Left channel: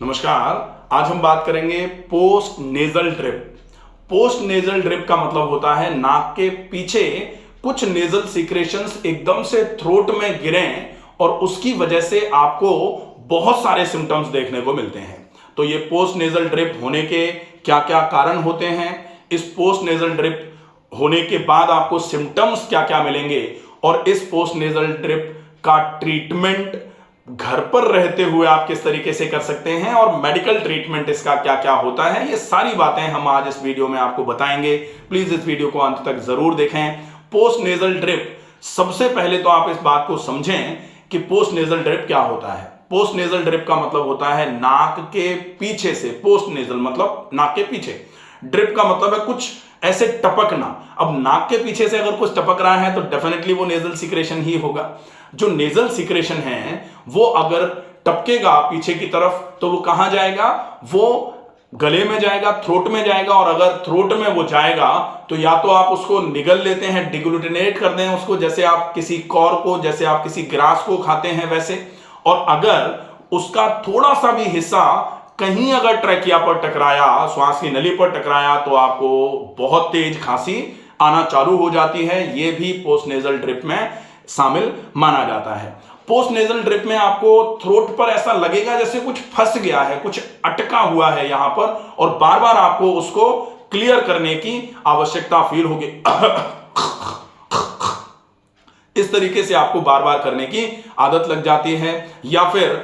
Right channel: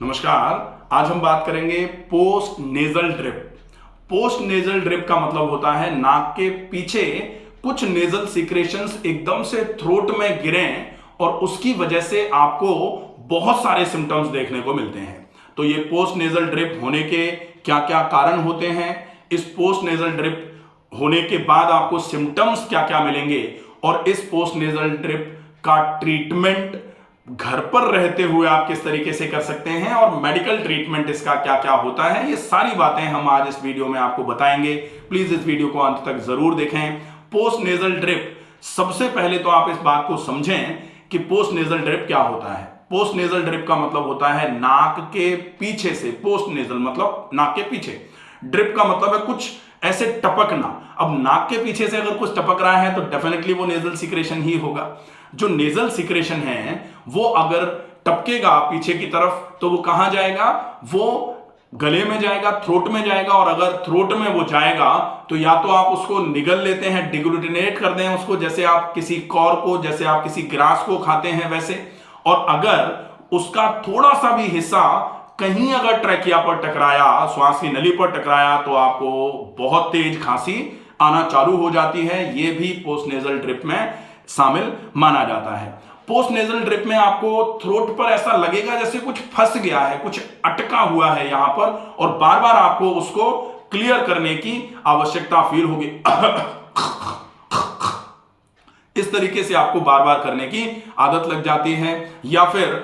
नमस्कार। आज हम बात करेंगे post nasal drip. Post nasal drip का मतलब होता है नाक के पीछे कुछ नेजल सीक्रेशंस एकदम से थ्रोट में गिरें और उसकी वजह से आपको बहुत सारे सिम्टम्स देखने को मिलते हैं। तो ये पोस्ट नेजल ड्रिप होने के क्या क्या कारण होते हैं, इस पोस्ट नेजल ड्रिप होने के बाद आपको सिम्टम्स क्या क्या मिलेंगे और इस पोस्ट नेजल ड्रिप का ट्रीटमेंट घर पर रहते हुए आप किस तरीके से कर सकते हैं और मेडिकल ट्रीटमेंट इसका क्या क्या होता है, ये सारी बातें हम आज इस वीडियो में आपको बताएंगे। प्लीज इस वीडियो को अंत तक जरूर देखें। पोस्ट नेजल ड्रिप, सबसे पहले तो आप इस बात को समझें कि पोस्ट नेजल ड्रिप क्या होता है। पोस्ट नेजल ड्रिप का मतलब होता है नाक के पीछे से, पोस्ट नेजल मतलब नाक के पीछे, ड्रिप का मतलब है कुछ ऐसे टपकना। अब नाक के पीछे से अगर कुछ टपक रहा है तो डेफिनेटली वो नेजल सिक्रेशन ही होगा। जो नेजल सिक्रेशन है वो अगर टपकेगा पीछे की तरफ तो वो कहां जाएगा, वो गले में जाएगा, थ्रोट में जाएगा। और अगर थ्रोट में वो जाएगा तो या तो आप उसको निगल लेते हैं, डिग्लूटिनेट कर दें उसको, जैसे आप किसी कॉर को, जैसे आप किसी ग्रास को खाते हैं वैसे। और अगर उसका थोड़ा सा भी हिस्सा कहीं अगर ट्रैकिया पर टकराया, श्वास की नली पर टकराया, तो आपको बहुत तेज खांसी आना चालू हो जाती है। यह भी पोस्ट नेजल ड्रिप में शामिल माना जाता है। पोस्ट नेजल ड्रिप में आपको थ्रोट पर ऐसा लगेगा जैसे कुछ फंस गया है, कुछ अटका हुआ है यहां पर, और बार बार आपको उसको क्लियर करने की आवश्यकता फील होगी। इस तरीके से आपको बार बार करने की आदत लग जाती है। या फिर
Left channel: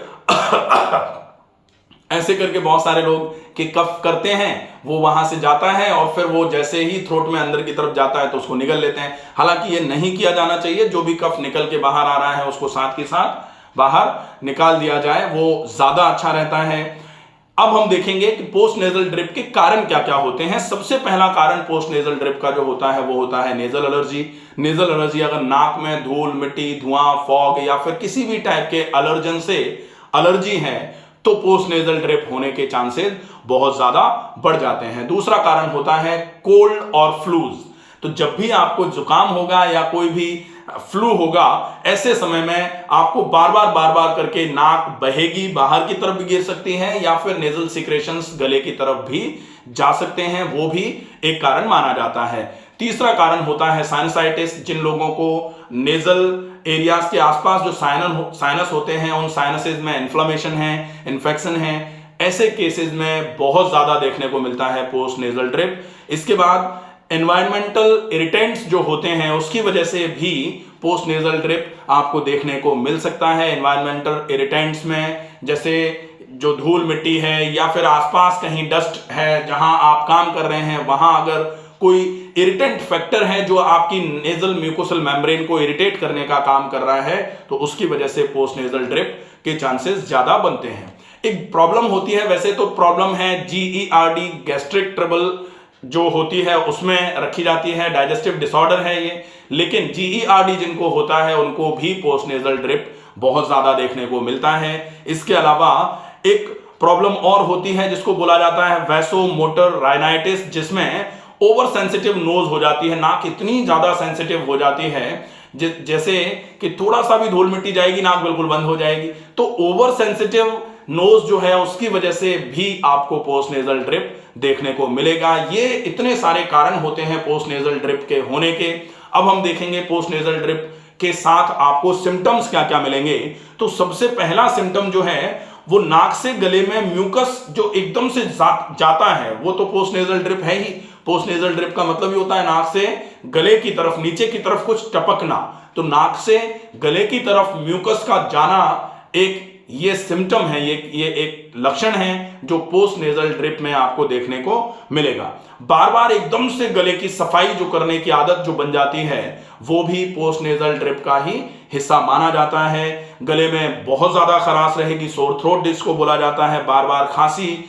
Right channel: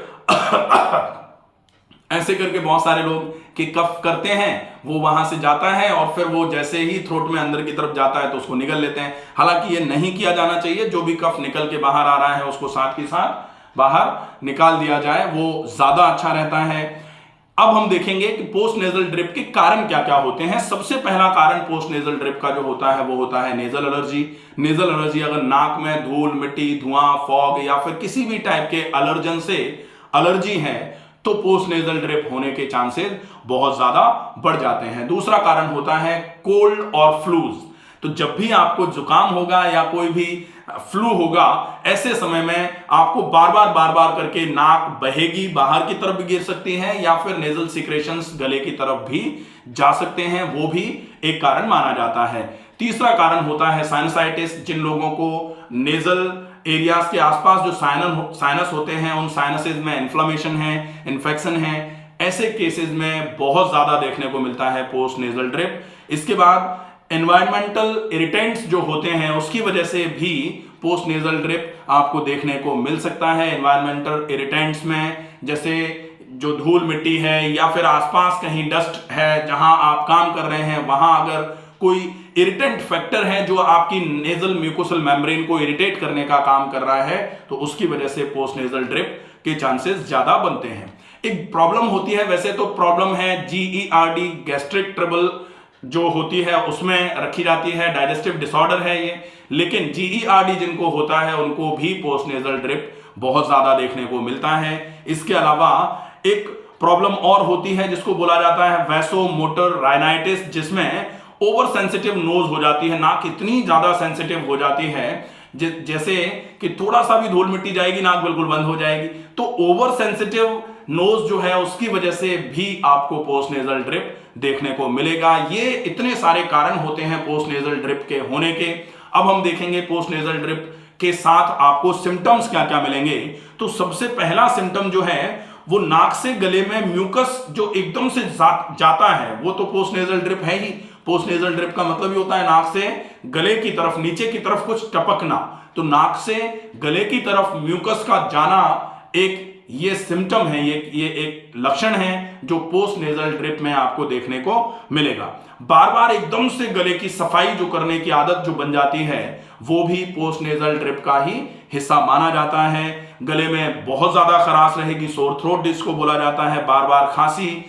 ऐसे करके बहुत सारे लोग कि कफ करते हैं, वो वहां से जाता है और फिर वो जैसे ही थ्रोट में अंदर की तरफ जाता है तो उसको निगल लेते हैं। हालांकि ये नहीं किया जाना चाहिए। जो भी कफ निकल के बाहर आ रहा है उसको साथ के साथ बाहर निकाल दिया जाए, वो ज्यादा अच्छा रहता है। अब हम देखेंगे कि पोस्ट नेजल ड्रिप के कारण क्या क्या होते हैं। सबसे पहला कारण पोस्ट नेजल ड्रिप का जो होता है वो होता है नेजल एलर्जी। नेजल एलर्जी, अगर नाक में धूल, मिट्टी, धुआं, फॉग या फिर किसी भी टाइप के एलर्जन से एलर्जी है तो पोस्ट नेजल ड्रिप होने के चांसेस बहुत ज्यादा बढ़ जाते हैं। दूसरा कारण होता है कोल्ड और फ्लूज। तो जब भी आपको जुकाम होगा या कोई भी फ्लू होगा, ऐसे समय में आपको बार बार करके नाक बहेगी, बाहर की तरफ भी गिर सकती है या फिर नेजल सिक्रेशंस गले की तरफ भी जा सकते हैं, वो भी एक कारण माना जाता है। तीसरा कारण होता है साइनसाइटिस। जिन लोगों को नेजल एरियाज के आसपास जो साइनस होते हैं, उन साइनसेस में इन्फ्लेमेशन है, इन्फेक्शन है, ऐसे केसेस में बहुत ज्यादा देखने को मिलता है पोस्ट नेजल ड्रिप। इसके बाद एनवायरमेंटल इरिटेंट्स जो होते हैं उसकी वजह से भी पोस्ट नेजल ड्रिप आपको देखने को मिल सकता है। एनवायरमेंटल इरिटेंट्स में जैसे जो धूल मिट्टी है या फिर आसपास कहीं डस्ट है जहां आप काम कर रहे हैं, वहां अगर कोई इरिटेंट फैक्टर है जो आपकी नेजल म्यूकोसल मेम्ब्रेन को इरिटेट करने का काम कर रहा है, तो उसकी वजह से पोस्ट नेजल ड्रिप के चांसेस ज्यादा बनते हैं। एक प्रॉब्लम होती है, वैसे तो प्रॉब्लम है GERD, गैस्ट्रिक ट्रबल जो होती है उसमें रखी जाती है, डाइजेस्टिव डिसऑर्डर है ये। लेकिन GERD जिनको होता है उनको भी पोस्ट नेजल ड्रिप बहुत ज्यादा देखने को मिलता है। इसके अलावा एक प्रॉब्लम और होती है जिसको बोला जाता है वैसोमोटर राइनाइटिस, जिसमें ओवर सेंसिटिव नोज हो जाती है। नाक इतनी ज्यादा सेंसिटिव हो जाती है जैसे कि थोड़ा सा भी धूल मिट्टी जाएगी नाक बिल्कुल बंद हो जाएगी। तो ओवर सेंसिटिव नोज जो है उसकी वजह से भी आपको पोस्ट नेजल ड्रिप देखने को मिलेगा। ये इतने सारे कारण होते हैं पोस्ट नेजल ड्रिप के होने के। अब हम देखेंगे पोस्ट नेजल ड्रिप के साथ आपको सिम्टम्स क्या क्या मिलेंगे। तो सबसे पहला सिम्टम जो है वो नाक से गले में म्यूकस जो एकदम से जाता है, वो तो पोस्ट नेजल ड्रिप है ही। पोस्ट नेजल ड्रिप का मतलब ही होता है नाक से गले की तरफ, नीचे की तरफ कुछ टपकना। तो नाक से गले की तरफ म्यूकस का जाना एक ये सिम्टम है, ये एक लक्षण है जो पोस्ट नेजल ड्रिप में आपको देखने को मिलेगा। बार बार एकदम से गले की सफाई जो करने की आदत जो बन जाती है वो भी पोस्ट नेजल ड्रिप का ही हिस्सा माना जाता है। गले में बहुत ज्यादा खराश रहेगी, सोर थ्रोट जिसको बोला जाता है, बार बार खांसी।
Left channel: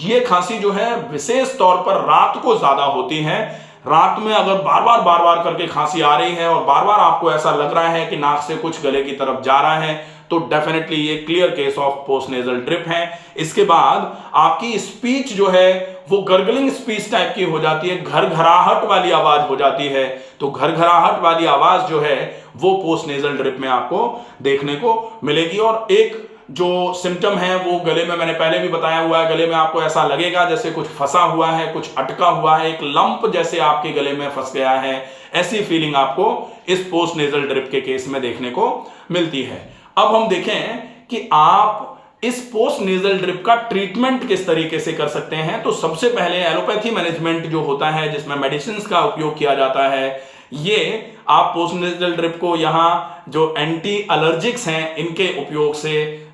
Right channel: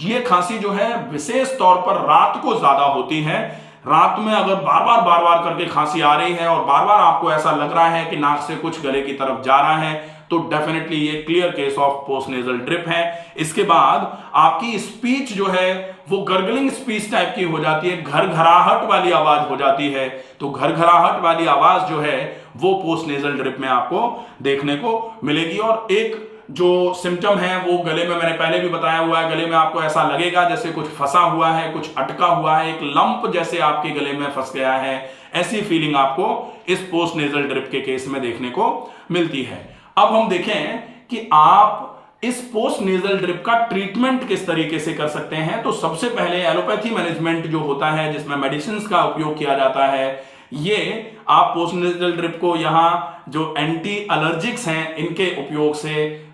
ये खांसी जो है विशेष तौर पर रात को ज्यादा होती है। रात में अगर बार बार करके खांसी आ रही है और बार बार आपको ऐसा लग रहा है कि नाक से कुछ गले की तरफ जा रहा है, तो डेफिनेटली ये clear case of post nasal drip है। इसके बाद आपकी स्पीच जो है वो गर्गलिंग स्पीच टाइप की हो जाती है, घरघराहट वाली आवाज हो जाती है। तो घरघराहट वाली आवाज जो है वो पोस्ट नेजल ड्रिप में आपको देखने को मिलेगी। और एक जो सिम्टम है वो गले में, मैंने पहले भी बताया हुआ है, गले में आपको ऐसा लगेगा जैसे कुछ फंसा हुआ है, कुछ अटका हुआ है, एक लंप जैसे आपके गले में फंस गया है, ऐसी फीलिंग आपको इस पोस्ट नेजल ड्रिप के केस में देखने को मिलती है। अब हम देखें कि आप इस पोस्ट नेजल ड्रिप का ट्रीटमेंट किस तरीके से कर सकते हैं। तो सबसे पहले एलोपैथी मैनेजमेंट जो होता है, जिसमें मेडिसिन का उपयोग किया जाता है, ये आप पोस्ट नेजल ड्रिप को यहां जो एंटी एलर्जिक्स हैं इनके उपयोग से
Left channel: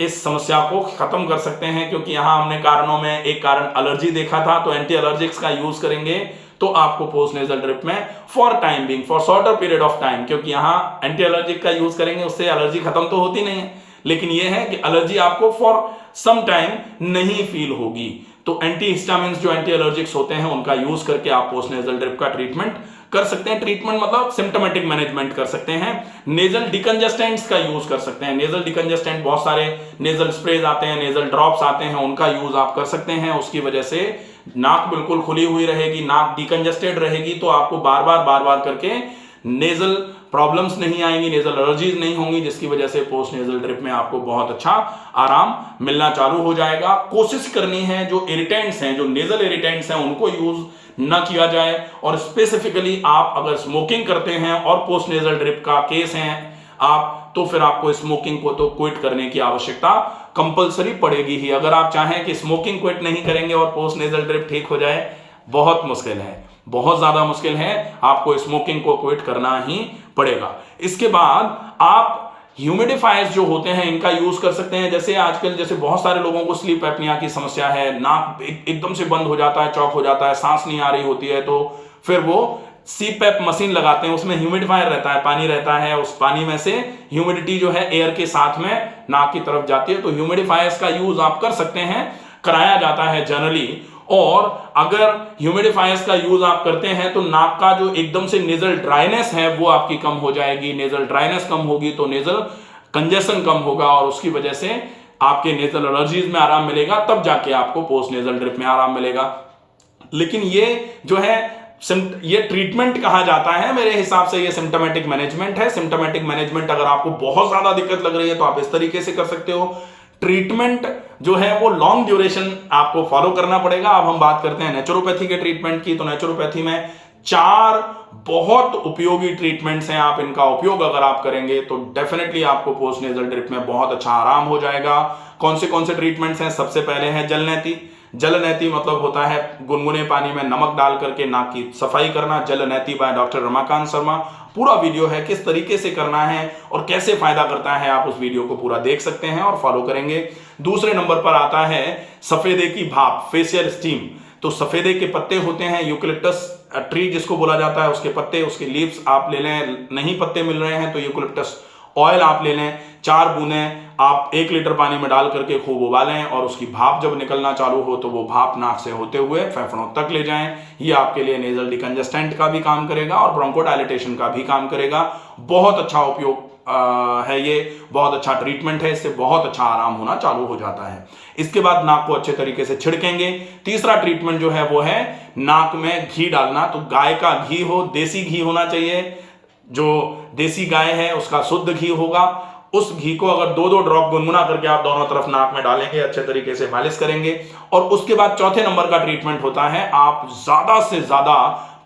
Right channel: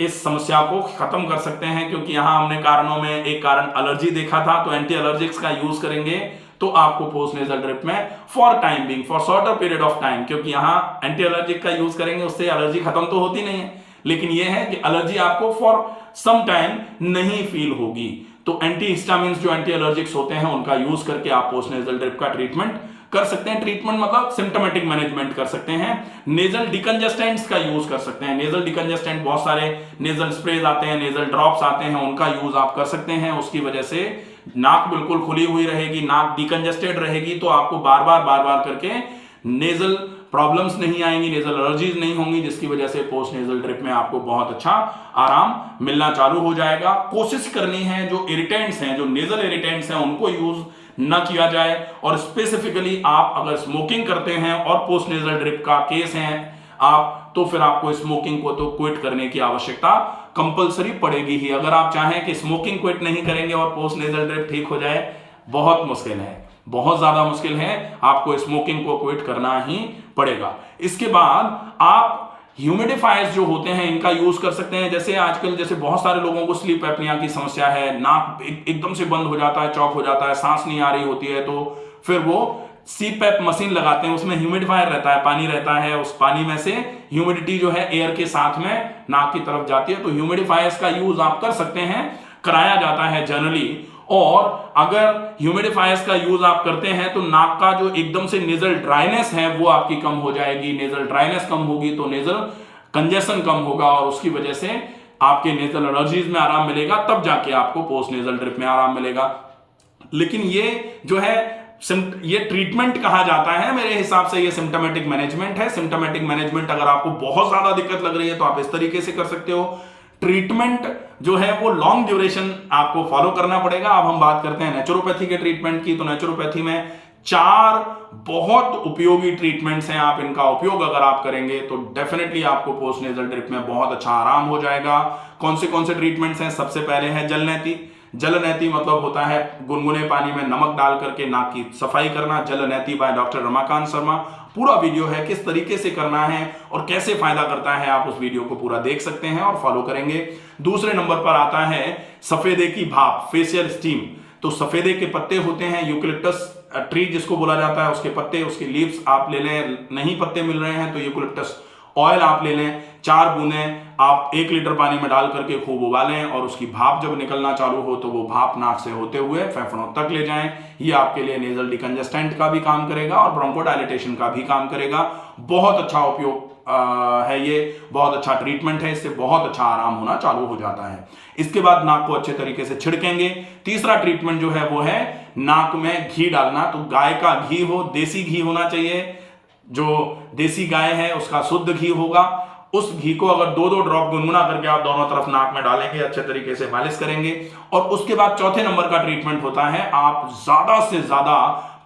इस समस्या को खत्म कर सकते हैं, क्योंकि यहां हमने कारणों में एक कारण एलर्जी देखा था, तो एंटी एलर्जिक्स का यूज करेंगे तो आपको पोस्ट नेजल ड्रिप में for time being, for shorter period of time, क्योंकि यहां एंटी एलर्जिक का यूज करेंगे उससे एलर्जी खत्म तो होती नहीं है, लेकिन यह है कि एलर्जी आपको फॉर सम टाइम नहीं फील होगी। तो एंटी हिस्टामिन्स जो एंटी एलर्जिक्स होते हैं उनका यूज करके आप पोस्ट नेजल ड्रिप का ट्रीटमेंट कर सकते हैं। ट्रीटमेंट मतलब सिम्टोमेटिक मैनेजमेंट कर सकते हैं। नेजल डिकंजेस्टेंट्स का यूज कर सकते हैं। नेजल डिकंजेस्टेंट बहुत सारे नेजल स्प्रेज आते हैं, नेजल ड्रॉप्स आते हैं, उनका यूज आप कर सकते हैं। उसकी वजह से नाक बिल्कुल खुली हुई रहेगी, नाक डिकंजेस्टेड रहेगी, तो आपको बार बार करके नेजल प्रॉब्लम्स नहीं आएंगी, नेजल एलर्जीज नहीं होंगी, जिसकी वजह से पोस्ट नेजल ड्रिप में आपको बहुत अच्छा आराम मिलना चालू हो जाएगा। कोशिश करनी है जो इरिटेंट्स हैं, जो नेजल इरिटेंट्स हैं, उनको यूज न किया जाए। और स्पेसिफिकली आप अगर स्मोकिंग करते हैं और पोस्ट नेजल ड्रिप का केस है आप, तो फिर आपको स्मोकिंग को तो क्विट करने की आवश्यकता कंपलसरी पड़ेगी ही। अगर आप चाहें कि स्मोकिंग क्विट नहीं करेंगे और पोस्ट नेजल ड्रिप ठीक हो जाए, बहुत मुश्किल है, बहुत ज्यादा मुश्किल है। आपको स्मोकिंग को क्विट करना ही पड़ेगा। इसके बाद आप ह्यूमिडिफायर्स जो होते हैं इनका यूज कर सकते हैं। जैसे आजकल जैसे बहुत सारे लोगों को स्लीप एपनिया की समस्या है, नाक एकदम से बंद हो जाता है, चौक हो जाता है, सांस नहीं आ रही होती है, तो फिर वो सीपैप मशीन लगाते हैं, उसमें ह्यूमिडिफायर रहता है, पानी रहता है, उस पानी में से ह्यूमिडिटी जो है एयर के साथ में नाक की तरफ जाती है। तो ह्यूमिडिफायर्स का यूज आप कर सकते हैं, कराया जाता है जनरली। और अगर ह्यूमिडिफायर्स का यूज आप करते हैं तो नाक का जो एकदम से नेजल ड्राइनेस है वो आपकी कम हो जाएगी। नेजल ड्राइनेस कम होगी तो नेजल कंजेशन कम होगा, और उसकी वजह से आपके नेजल एलर्जीज में आराम मिलेगा, तब जाके आपको पोस्ट नेजल ड्रिप में आराम मिलेगा। लेकिन ये जो है ये ट्रीटमेंट कहा जाता है, मेरे हिसाब से ये सिम्टोमेटिक मैनेजमेंट है। सिम्टोमेटिक मैनेजमेंट अगर आपको बहुत ज्यादा दिक्कत लग रही है तो आप इस तरीके से कर सकते हो। ट्रीटमेंट जो है वो लॉन्ग ड्यूरेशन आपको फॉलो करना पड़ेगा। अब हम बात करते हैं नेचुरोपैथी के ट्रीटमेंट की। तो नेचुरोपैथी में 4 बहुत उपयोगी ट्रीटमेंट्स हैं। आप इनका उपयोग अगर आप करेंगे तो डेफिनेटली आपको पोस्ट नेजल ड्रिप में बहुत अच्छा आराम हो जाएगा। कौन से ट्रीटमेंट्स हैं? सबसे पहले है जलनेती। जलनेती मतलब होता है गुनगुने पानी में नमक डाल करके नाक की सफाई करना। जलनेती बाय डॉक्टर रमाकांत शर्मा। पूरा वीडियो है, किस तरीके से करना है और कैसे फायदा करता है, आप उस वीडियो को पूरा देख सकते हैं और फॉलो करेंगे। दूसरे नंबर पर आता है सफेदे की भाप, फेशियल स्टीम। तो सफेदे के पत्ते होते हैं, यूकलिप्टस ट्री जिसको बोला जाता है, उसके पत्ते, उसके लीव्स आप ले लें। नहीं पत्ते मिल रहे हैं तो यूकलिप्टस ऑयल आप ले लें। 4 बूंदें आप 1 लीटर पानी में डाल करके खूब उबालें, और उसकी भाप जब निकलना चालू हो तो वो भाप नाक से होते हुए फेफड़ों तक ले जाएं। ये आपके लिए नेजल डिकंजेस्टेंट का भी काम करेगा और ब्रोंकोडायलेटेशन का भी काम करेगा। बहुत अच्छा उपयोग है ये, बहुत अच्छा ट्रीटमेंट है, इससे बहुत अच्छा आराम होना चालू हो जाता है। इसके बाद नाक को अच्छे तरीके से छिड़केंगे। तीसरा ट्रीटमेंट जो है वो है नाक में घी डालना। तो गाय का घी हो, देसी घी होना चाहिए, जो देसी गाय है उसका शुद्ध घी होगा। उस घी को अगर 2-2 ड्रॉप गुनगुना करके आप दोनों तरफ नाक में डालेंगे, अच्छे तरीके से मालिश करेंगे। और उसके बाद चौथे नंबर का ट्रीटमेंट होता है आप ज्यादा से ज्यादा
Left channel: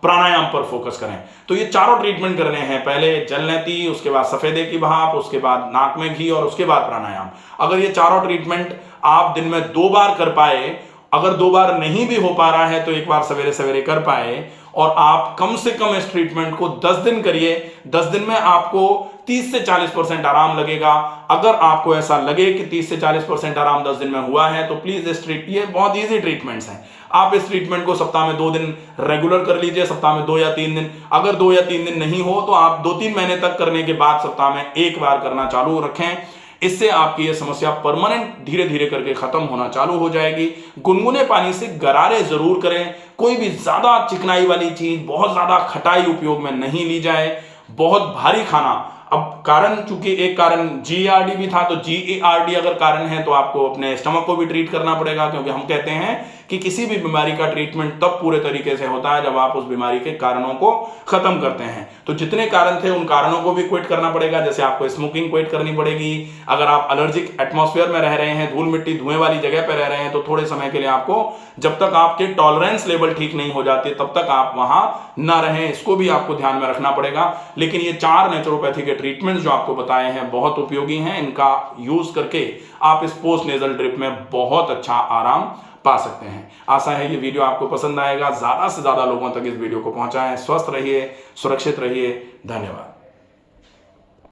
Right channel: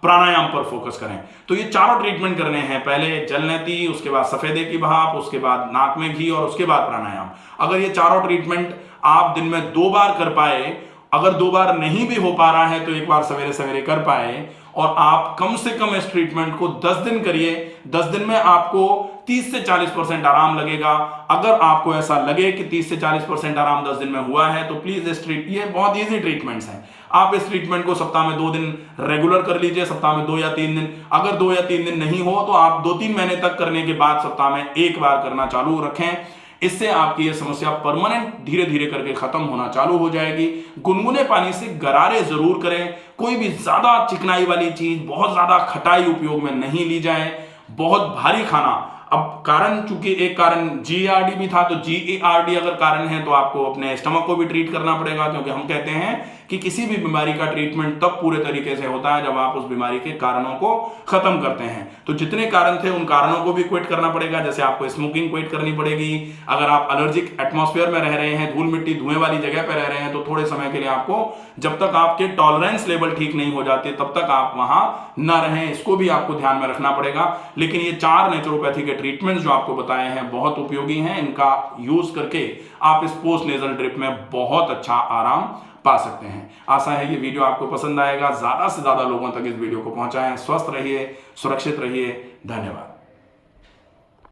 प्राणायाम पर फोकस करें। तो ये चारों ट्रीटमेंट करने हैं, पहले जलनेती, उसके बाद सफेदे की भाप, उसके बाद नाक में घी और उसके बाद प्राणायाम। अगर ये चारों ट्रीटमेंट आप दिन में 2 बार कर पाए, अगर 2 बार नहीं भी हो पा रहा है तो 1 बार सवेरे सवेरे कर पाए, और आप कम से कम इस ट्रीटमेंट को 10 दिन करिए। 10 दिन में आपको 30 से 40% आराम लगेगा। अगर आपको ऐसा लगे कि 30 से 40% आराम 10 दिन में हुआ है तो प्लीज ये बहुत इजी ट्रीटमेंट्स हैं। आप इस ट्रीटमेंट को सप्ताह में 2 दिन रेगुलर कर लीजिए, सप्ताह में 2 या 3 दिन। अगर 2 या 3 दिन नहीं हो तो आप 2-3 महीने तक करने के बाद सप्ताह में 1 बार करना चालू रखें। इससे आपकी यह समस्या परमानेंट धीरे धीरे करके खत्म होना चालू हो जाएगी। गुनगुने पानी से गरारे जरूर करें। कोई भी ज्यादा चिकनाई वाली चीज, बहुत ज्यादा खटाई उपयोग में नहीं ली जाए। बहुत भारी खाना अब कारण, चूंकि एक कारण GERD भी था, तो GERD अगर कारण है तो आपको अपने स्टमक को भी ट्रीट करना पड़ेगा, क्योंकि हम कहते हैं कि किसी भी बीमारी का ट्रीटमेंट तब पूरे तरीके से होता है जब आप उस बीमारी के कारणों को खत्म करते हैं। तो जितने कारण थे उन कारणों को भी क्विट करना पड़ेगा। जैसे आपको स्मोकिंग क्विट करनी पड़ेगी, अगर आप एलर्जिक एटमॉस्फेयर में रह रहे हैं, धूल मिट्टी धुएं वाली जगह पर रह रहे हैं, तो थोड़े समय के लिए आपको, जब तक आपके टॉलरेंस लेवल ठीक नहीं हो जाती तब तक आप वहां ना रहें, इसको भी आपको ध्यान में रखना पड़ेगा। लेकिन ये 4 नेचुरोपैथी के ट्रीटमेंट्स जो आपको बताए हैं बहुत उपयोगी हैं। इनका यूज करके आप इस पोस्ट नेजल ड्रिप में बहुत अच्छा आराम पा सकते हैं। आशा है ये वीडियो आपको पसंद आएगा। ज्यादा से ज्यादा लोगों तक इस वीडियो को पहुंचाएं। स्वस्थ रहिए, सुरक्षित रहिए। धन्यवाद।